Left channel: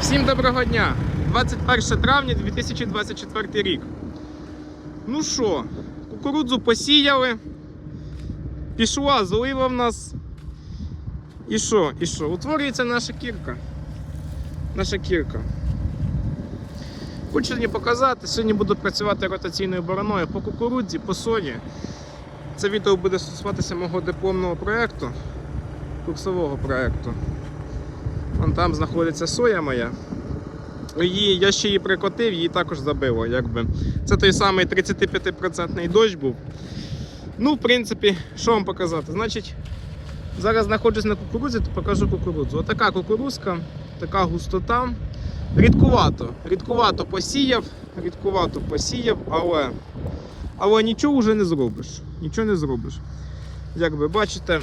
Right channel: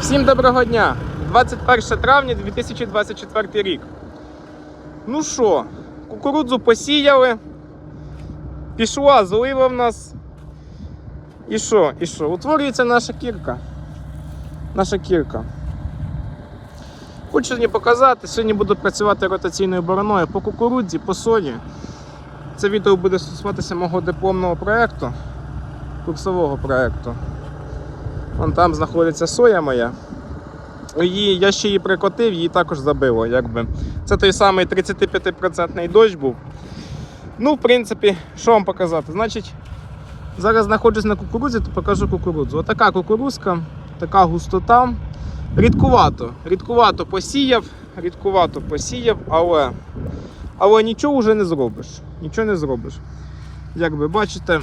Всім доброго дня! 21 травня 2024 рік. Ну що, кукурудзу посіяли. Пішла злива в нас. І що? І що? Утворюється наша кірка. Наша кірка. Хочу сьогодні показати, сьогодні буду працювати ротаційною бороною по кукурудзі, по сої. Це відео буде стосуватися мого дипломного проєкту, курсового проєкту. Вон там знаходиться соя моя. Її, я ще її прикотив, її також забило. Якби. Це той самий 35% дощ був. Ну, в принципі, що вам показати? Значить, зараз знаходжусь на кукурудзі, то покажу кукурудзу. Отака кукурузка, така густота. Рідкувато. Рідкувато посіяв, рідкувато посіяв, але, але нічого вже не зробиш. Нічого не зробиш. Як бачите,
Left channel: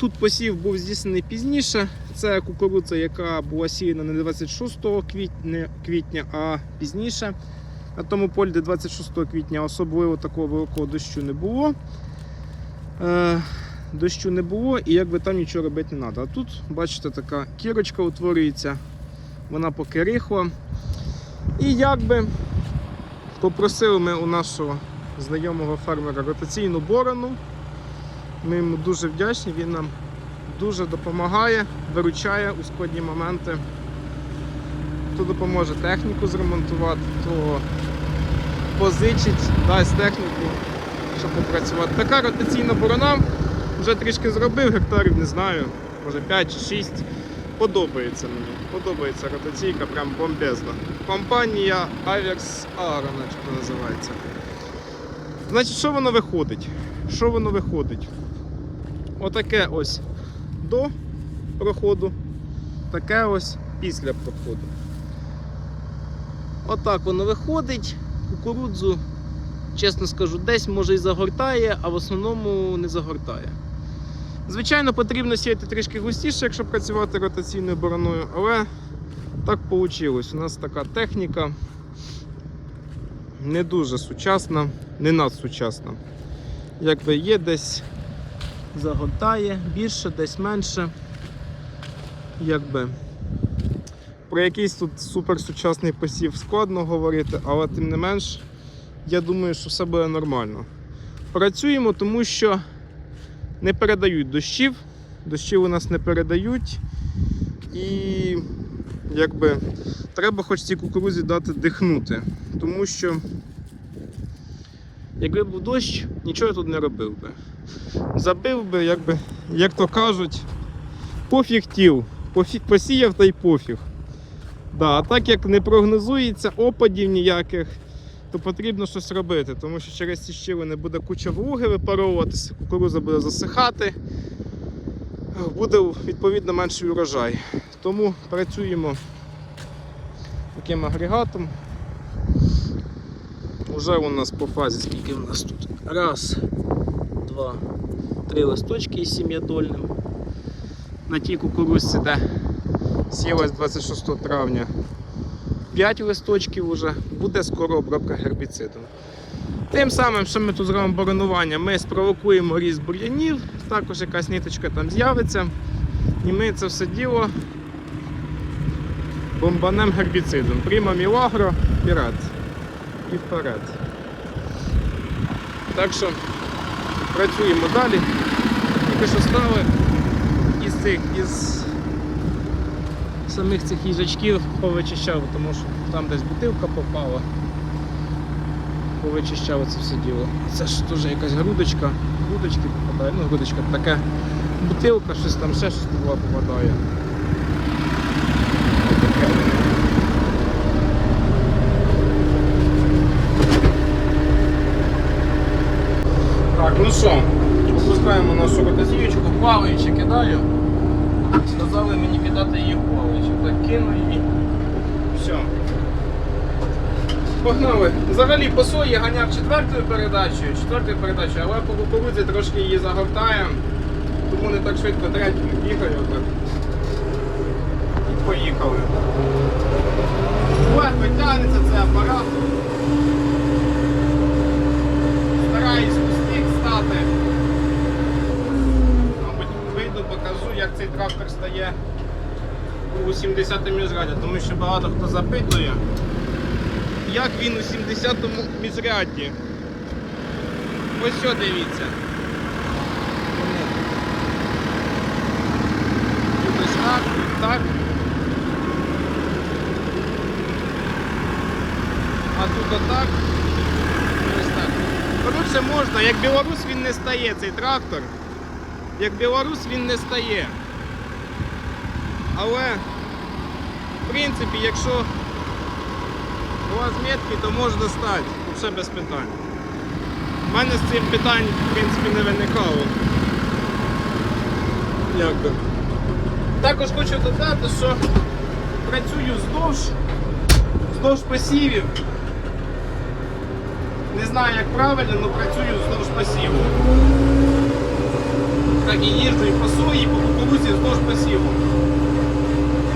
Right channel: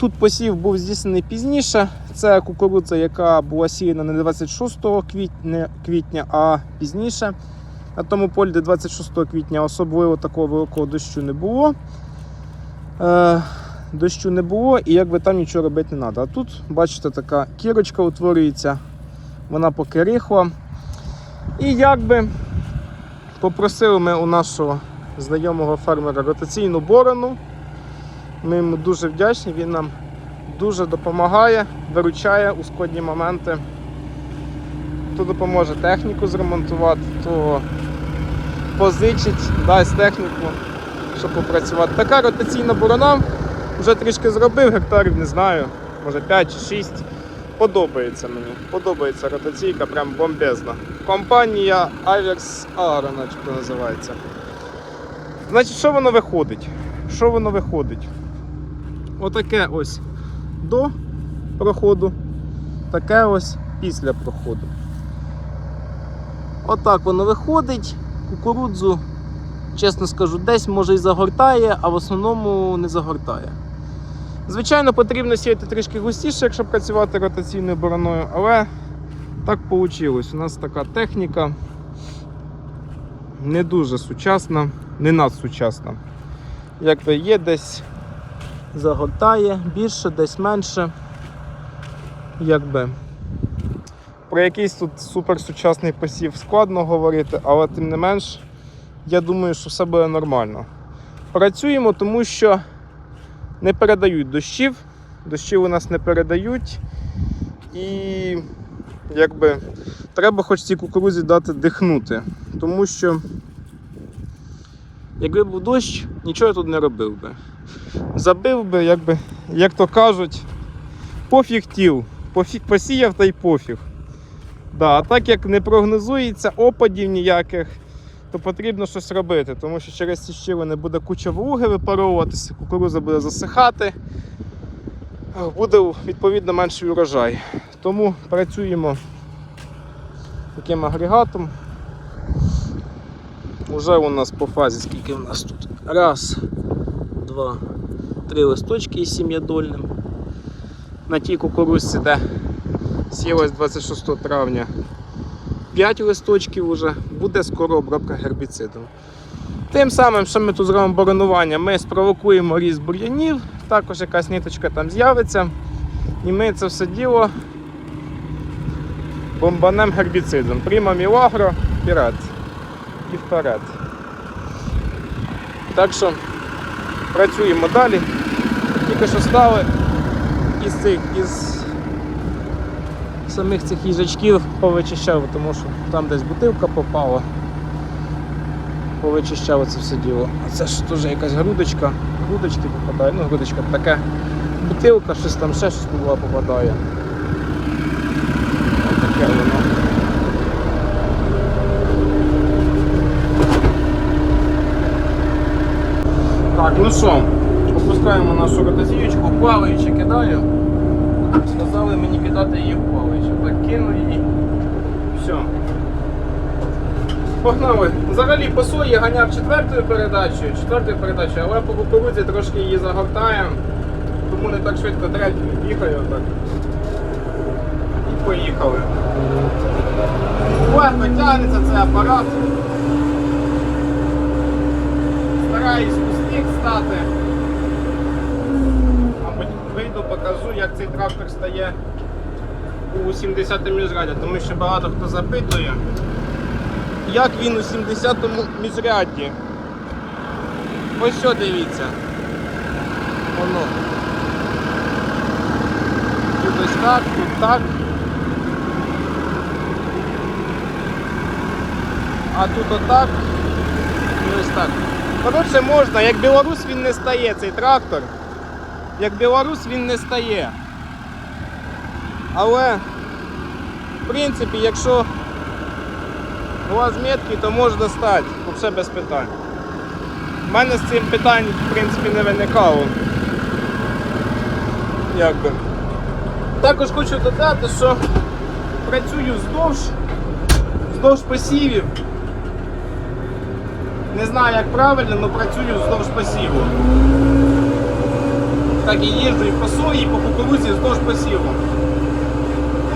Тут посів був здійснений пізніше. Це кукурудза, яка була сіяна не 26 квітня, квітня, а пізніше. На тому полі, де 26 квітня особливо такого великого дощу не було. Е, дощу не було і якби там нічого робити не треба. А тут, бачите, така кірочка утворюється, вона поки рихла. І якби попросили ми у нашого знайомого фермера ротаційну борону. Ми йому дуже вдячні, він нам дуже допомагає, виручає у складні моменти. То допоможе техніку зремонтувати, то позичить, дасть техніку, щоб попрацювати. Така ротаційна борона вже трішки зробив, гектарів не знаю, може 5 чи 6. Подобається мені. Подобається ротаційка, прям бомбезна. Компанія Avex Agro, називається. Значить, що воно виходить? Що воно виходить? Отаке ось до проходу, таке ось після проходу. Отак воно виходить. Кукурудзу, чесно скажу, десь може і загортає, а в основному не загортає. Звичайно, потрібно сіяти трішки густіше, якщо працювати ротаційною бороною, але так вийшло. У нас така техніка не дуже сучасна, не надсучасна. Якби є десь загортає більше, десь менше. Якби. Про якийсь тут суперсучасний посів складно говорити, але тим не менш, я думаю, що все буде нормально. Працюємо, тому що не передають дощів, дощів у нас не передають. І якби треба хоч цій кукурузі дати дихнути. Тому що, якби був дощ, нічого я тут не робив би забив би, як, би, як то кажуть, пофіг тіл. Пофіг, посіяв та й пофіг. Да, а так як не прогнозується опадів ніяких, то потрібно щось робити, тому що через ці щілини буде куча вологи випаровуватися, кукуруза буде засихати, буде відповідно менший урожай. Тому працюємо таким агрегатом. Уже у нас по фазі, скільки у нас тут? Раз, два, три листочки із сім'ядольним. На тій кукурузці, де сілось 26 травня 5 листочків вже, буде скоро обробка гербіцидом. Тим самим, що ми тут зробимо боронування, ми спровокуємо ріст бур'янів, також якась ниточка там з'явиться. І ми це все діло бомбанем гербіцидом. Прямо мілагро, вперед. І вперед. Так що працюємо далі. Тільки що стали із цих із самих цих їжачків повичищав, тому що там десь бутилка попала. Повичищав це все діло. А це теж якась грудочка, грудочки попадає, ну грудочка така бутилка, щось там ще щось була попадає. Таке воно. Так, ну що, опускаємо нашу ротазіючку, плаваючи кидаю. Сказали мені кидати її в плаваючи. Кину її. Все. Погнали. Взагалі по сої ганяв четвертою передачею, четвертою передачею, але по кукурудзі трошки її загортаємо, тому не так швидко третю бігаю отак. І поїхали. Легко тягнеться цей апарат. Стараюсь у стати. Мабуть, вийду, покажу, як цей трактор стає у 70-му міжряді, тому що багато хто запитує, як він у 70-му міжряді. Ось що дивіться. Воно. Тут ось так, тут так. А тут отак. І ось так. Коротше, можна, як білорус він не стає, цей трактор. Як білорус він не стає. Але, в принципі, якщо у вас метки, то можна стати, взагалі без питань. У мене з цим питань, в принципі, не виникало. Якби. Також хочу додати, що працюю вздовж, вздовж посівів. Не знаю, як правильно, але працюю вздовж посіву. Так і їжджу і по і по кукурузі вздовж посіву.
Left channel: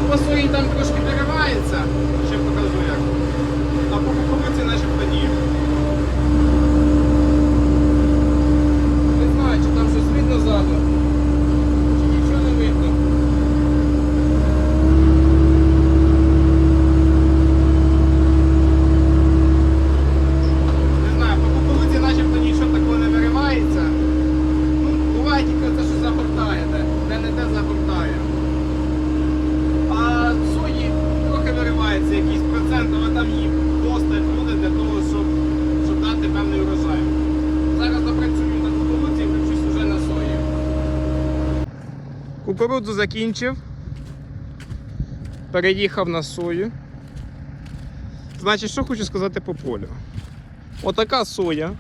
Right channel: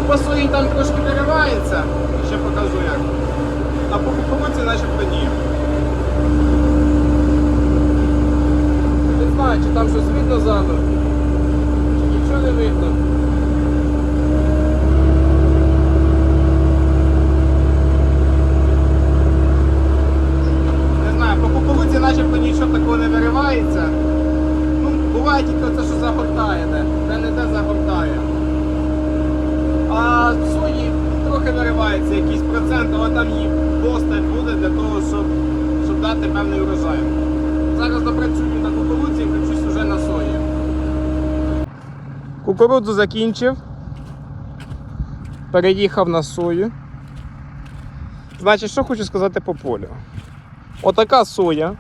Ну, По сої там трошки виривається, ще покажу як. А по кукурудзі начебто ні. Не знаю, чи там щось видно ззаду, чи нічого не видно. Не знаю, по кукурудзі начебто нічого такого не виривається. Ну, буває тільки те, що загортає, де, де не де загортає. А в сої трохи наривається якийсь процент, але там їх достатньо буде для того, щоб, щоб дати певний урожай. Зараз допрацюю на кукурудзі і включусь вже на сої. Кукурудзу закінчив. Переїхав на сою. Значить, що хочу сказати по полю. Отака соя.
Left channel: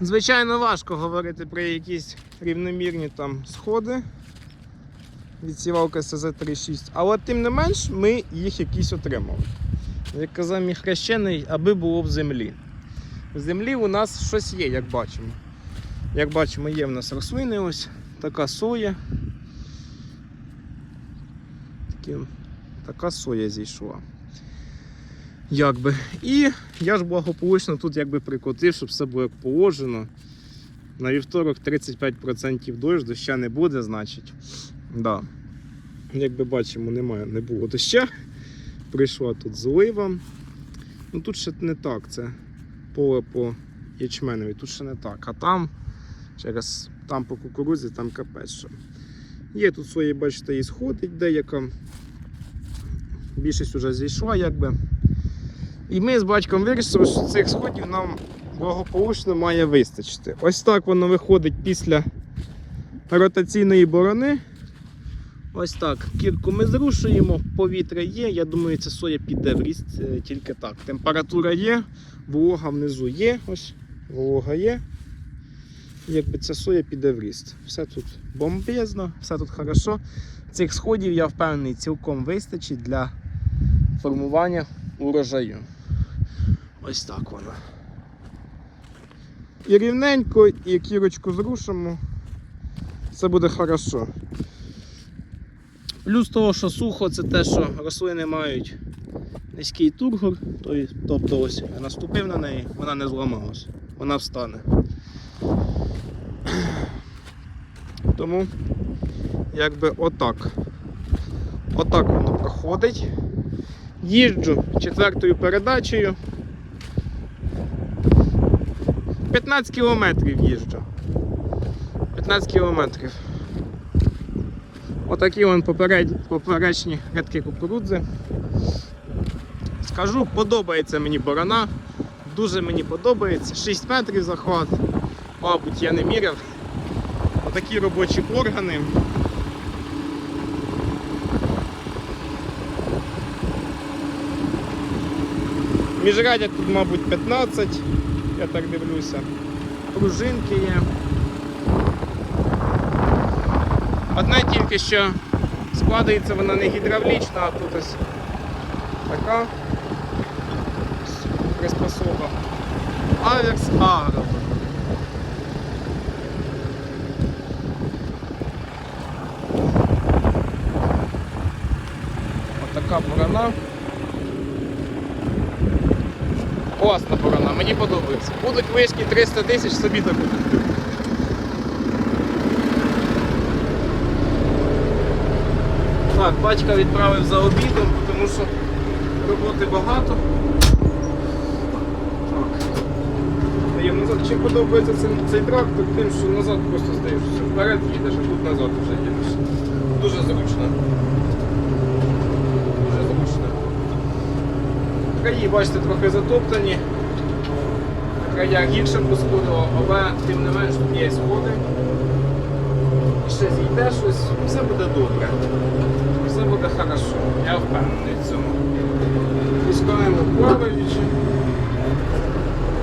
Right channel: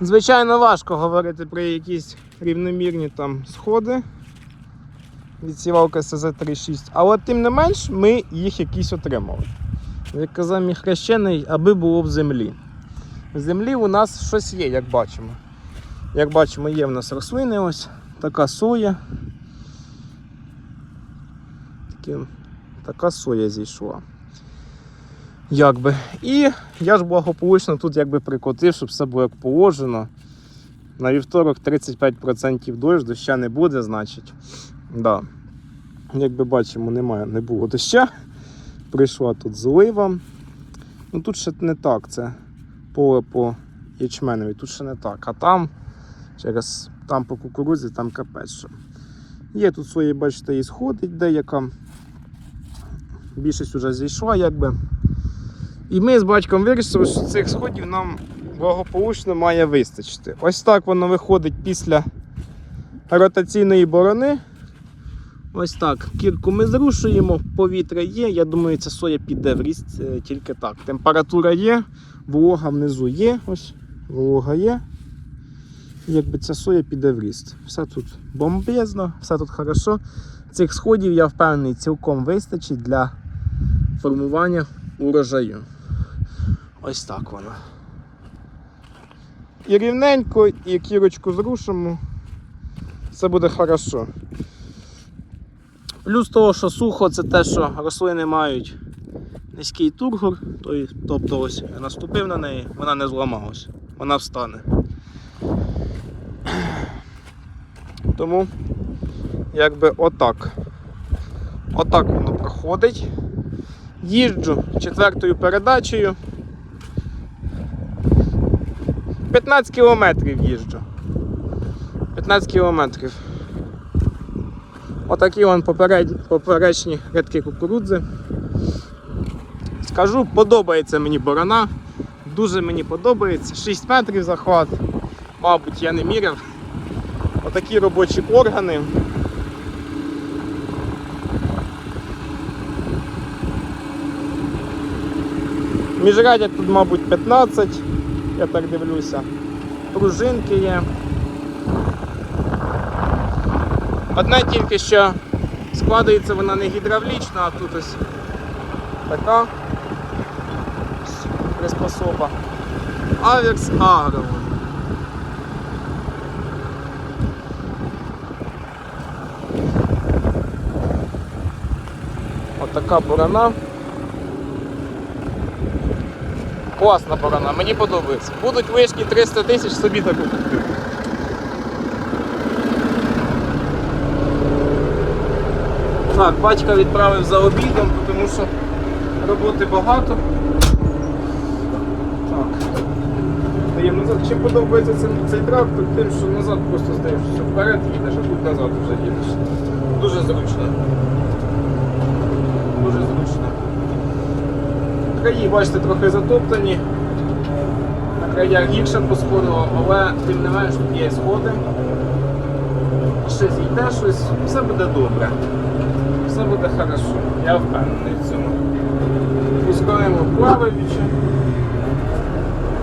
Звичайно, важко говорити про якісь рівномірні там сходи. Відсівалка СЗ-36, але тим не менш ми їх якісь отримали. Як казав мій хрещений, аби було в землі. В землі у нас щось є, як бачимо. Як бачимо, є в нас рослини ось, така соя. Такі, така соя зійшла. Якби. І я ж благополучно тут якби прикотив, щоб все було як положено. На вівторок 35% дощ, доща не буде, значить. Да. Як би бачимо, немає, не було доща. Прийшла тут злива. Ну тут ще не так, це поле по ячменові, тут ще не так. А там через там по кукурудзі, там капець. Є тут свої, бачите, і сходить деяка. Більшість вже зійшла, якби. І ми з батьком вирішили, що цих сходів нам благополучно має вистачити. Ось так воно виходить після ротаційної борони. Ось так. Кірку ми зрушуємо, повітря є. Я думаю, ця соя піде в ріст е, тільки так. Температура є, волога внизу є. Ось, волога є. Якби ця соя піде в ріст. Все тут бомбезно, все тут хорошо. Цих сходів, я впевнений, цілком вистачить для формування урожаю. Ось так воно. І рівненько, і кірочку зрушимо. Це буде хорошо. Плюс того, що сухо, це те, що рослини мають низький тургор, тобто ось я наступив на неї, вона не зламалась, вона встане. Тому якби отак. Отак воно проходить. Їжджу четвертою передачею. 15 кілометрів їжджу. 15 кілометрів. Отакі вон поперед... поперечні рядки кукурудзи. Скажу, подобається мені борона. Дуже мені подобається. 6 метрів захват. Мабуть, я не міряв. Отакі робочі органи. Міжрядя тут, мабуть, 15, я так дивлюся. Пружинки є. Одна тільки що складається вона не гідравлічна, а тут ось така приспособа. Аверс Агро. Отака борона. Класна борона, мені подобається. Будуть вишки 300 тисяч, собі таку куплю. Так, батька відправив за обідом, тому що роботи багато. Так. Чим подобається цей, цей трактор, тим, що назад просто здаєш, що вперед їдеш, а тут назад вже їдеш. Дуже зручно. Дуже зручно. Краї, бачите, трохи затоптані. На краях гірше посходило, але тим не менш тут є сходи. Ще зійде щось, все буде добре. Все буде хорошо. Я впевнений в цьому. Пускаємо плаваючи.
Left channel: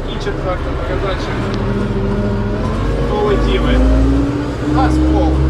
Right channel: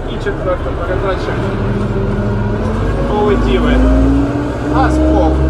І четверта передача. Полетіли. Газ пол.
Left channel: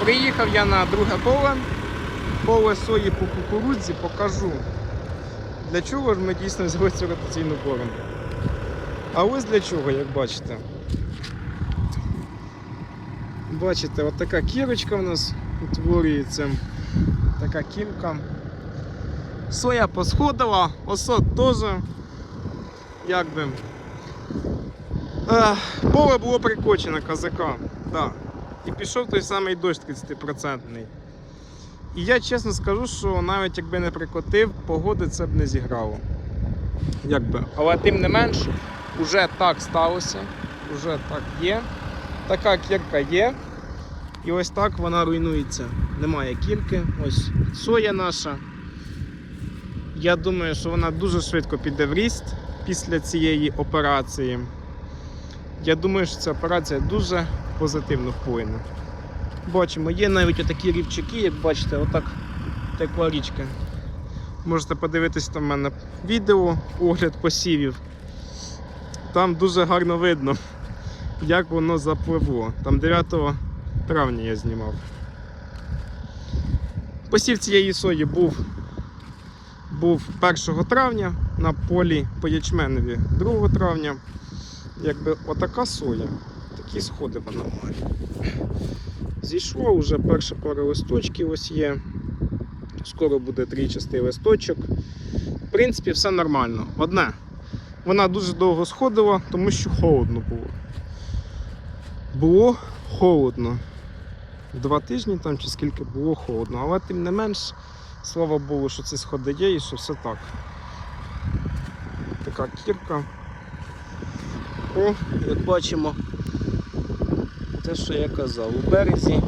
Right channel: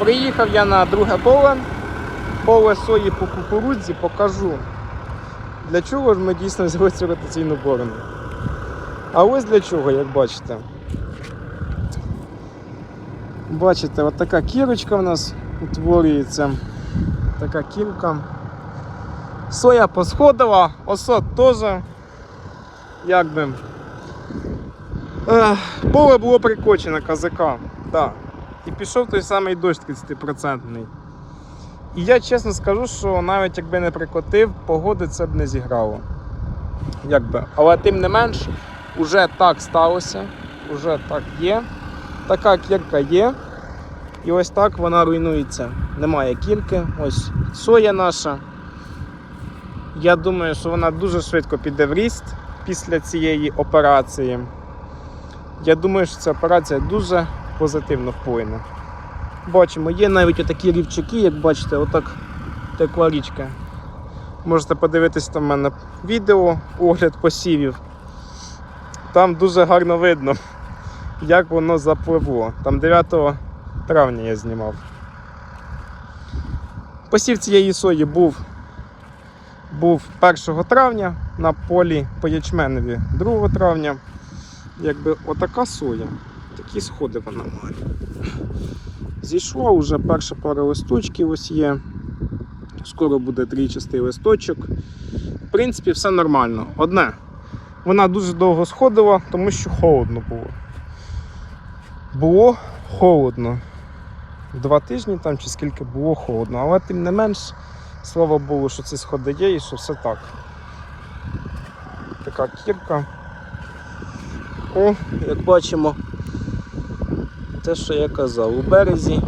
Приїхав я на друге поле. Поле сої по кукурудзі покажу. Для чого ж ми дійсно взяли цю ротаційну борону. А ось для чого, як бачите. Бачите, от така кірочка в нас утворюється. Така кірка. Соя посходила, осот теж. Якби. Е, поле було прикочено казака. Да. І пішов той самий дощ 30%. І я чесно скажу, що навіть якби не прикотив, погоди це б не зіграло. Якби. Але тим не менш, уже так сталося, уже так є. Така кірка є. І ось так вона руйнується. Немає кірки. Ось соя наша. Я думаю, що вона дуже швидко піде в ріст після цієї операції. Я думаю, що ця операція дуже позитивно вплине. Бачимо, є навіть такі рівчаки, як бачите, отак текла річка. Можете подивитись там в мене відео, огляд посівів. Там дуже гарно видно, як воно запливло. Там 9 травня я знімав. Посів цієї сої був, був 1 травня на полі по ячменеві 2 травня. Якби отака соя, такі сходи вона. Зійшла вже перша пара листочків ось є. Скоро буде трійчастий листочок. В принципі, все нормально. Одне, вона дуже довго сходила, тому що холодно було. Було холодно. Два тижні там чи скільки було холодно, але тим не менш, слава Богу, що ці сходи є і що все так. Така кірка. О, як бачимо, те, що я казав, у березі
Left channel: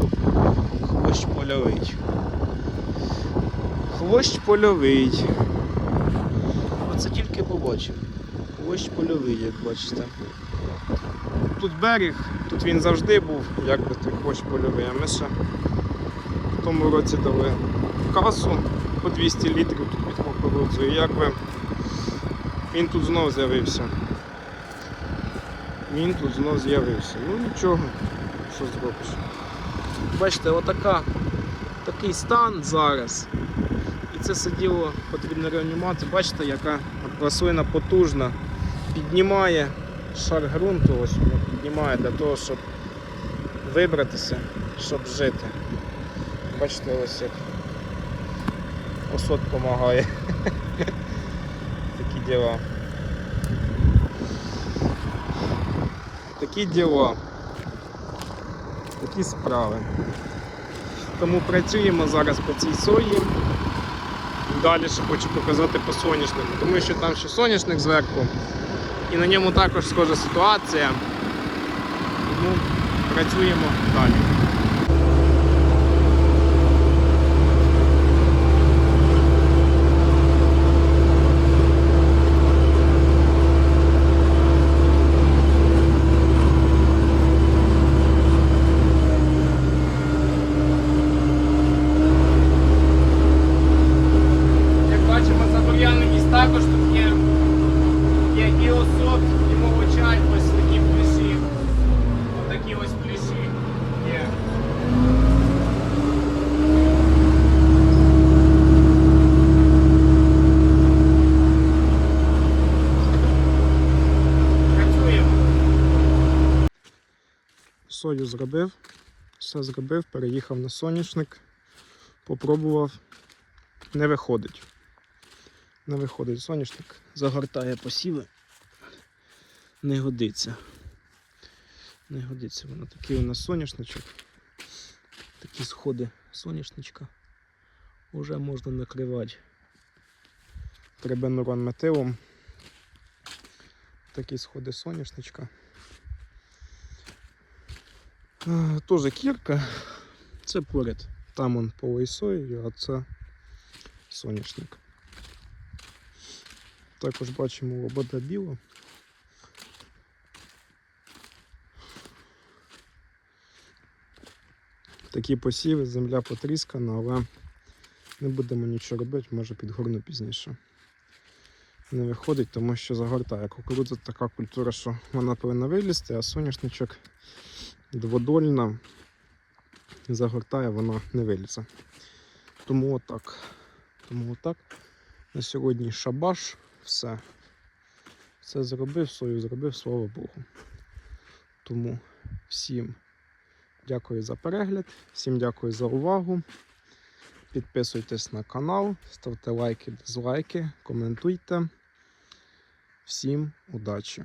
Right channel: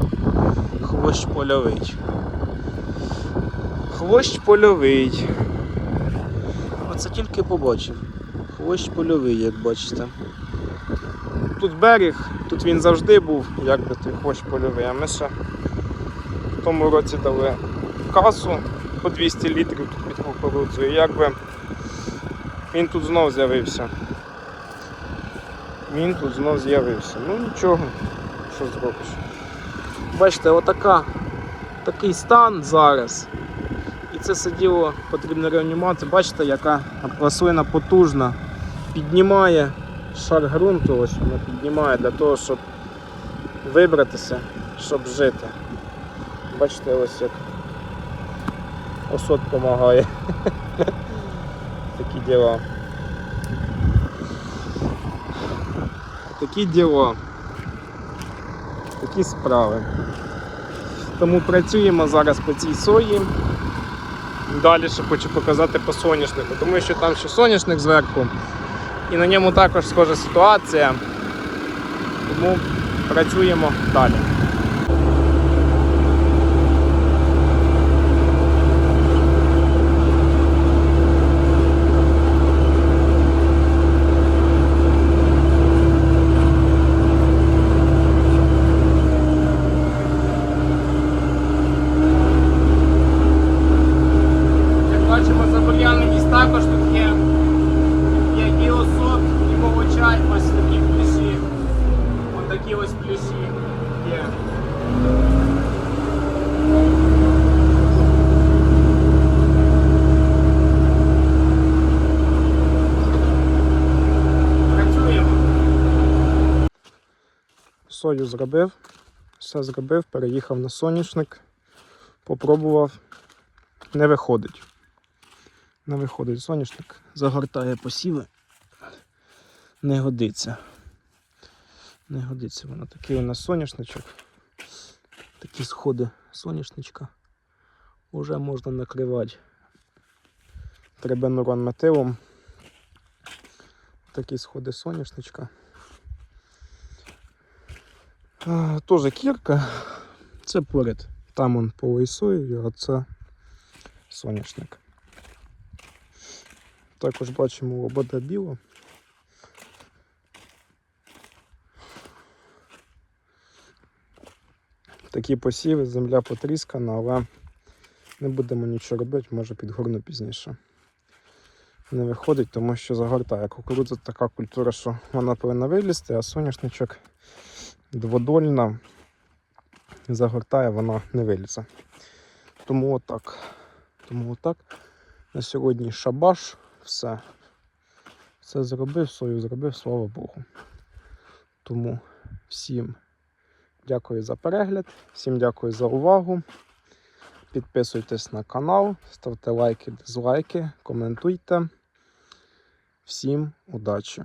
хвощ польовий. Хвощ польовий. Оце тільки побачив. Хвощ польовий, як бачите. Тут берег, тут він завжди був, як би ти хвощ польовий, а ми ще в тому році дали касу по 200 літрів тут під кукурудзою. Якби Він тут знов з'явився. Він тут знов з'явився. Ну нічого, що зробиш. Бачите, отака, такий стан зараз. І це все діло потрібно реанімувати. Бачите, яка рослина потужна. Піднімає шар ґрунту, ось вона піднімає для того, щоб вибратися, щоб жити. Бачите, ось як осот допомагає. Такі діла. Такі діла. Такі справи. Тому працюємо зараз по цій сої. Далі ще хочу показати по соняшнику, тому що там ще соняшник зверху. І на ньому також схожа ситуація. Тому працюємо далі. Як бачимо, забур'яненість також тут є. Є і осот, і мовочай, ось такі плюсі. Ось такі ось плюсі є. Працюємо. Сою зробив, все зробив, переїхав на соняшник, попробував, не виходить. Не виходить соняшник, загортає посіви. Не годиться. Не годиться воно. Такий у нас соняшничок. Такі сходи соняшничка. Уже можна накривати трибенурон метилом. Такі сходи соняшничка. А, Тоже кірка. Це поряд. Там он полий сою, а це соняшник. Також бачимо лобода біла. Такі посіви, земля потріскана, але не будемо нічого робити, може підгорну пізніше. Не виходить, тому що загортає. Кукурудза така культура, що вона повинна вилізти, а соняшничок дводольна загортає, вона не вилізе. Тому отак. Тому отак. На сьогодні шабаш, все. Все зробив, свою зробив, слава Богу. Тому всім дякую за перегляд, всім дякую за увагу. Підписуйтесь на канал, ставте лайки, дизлайки, коментуйте. Всім удачі!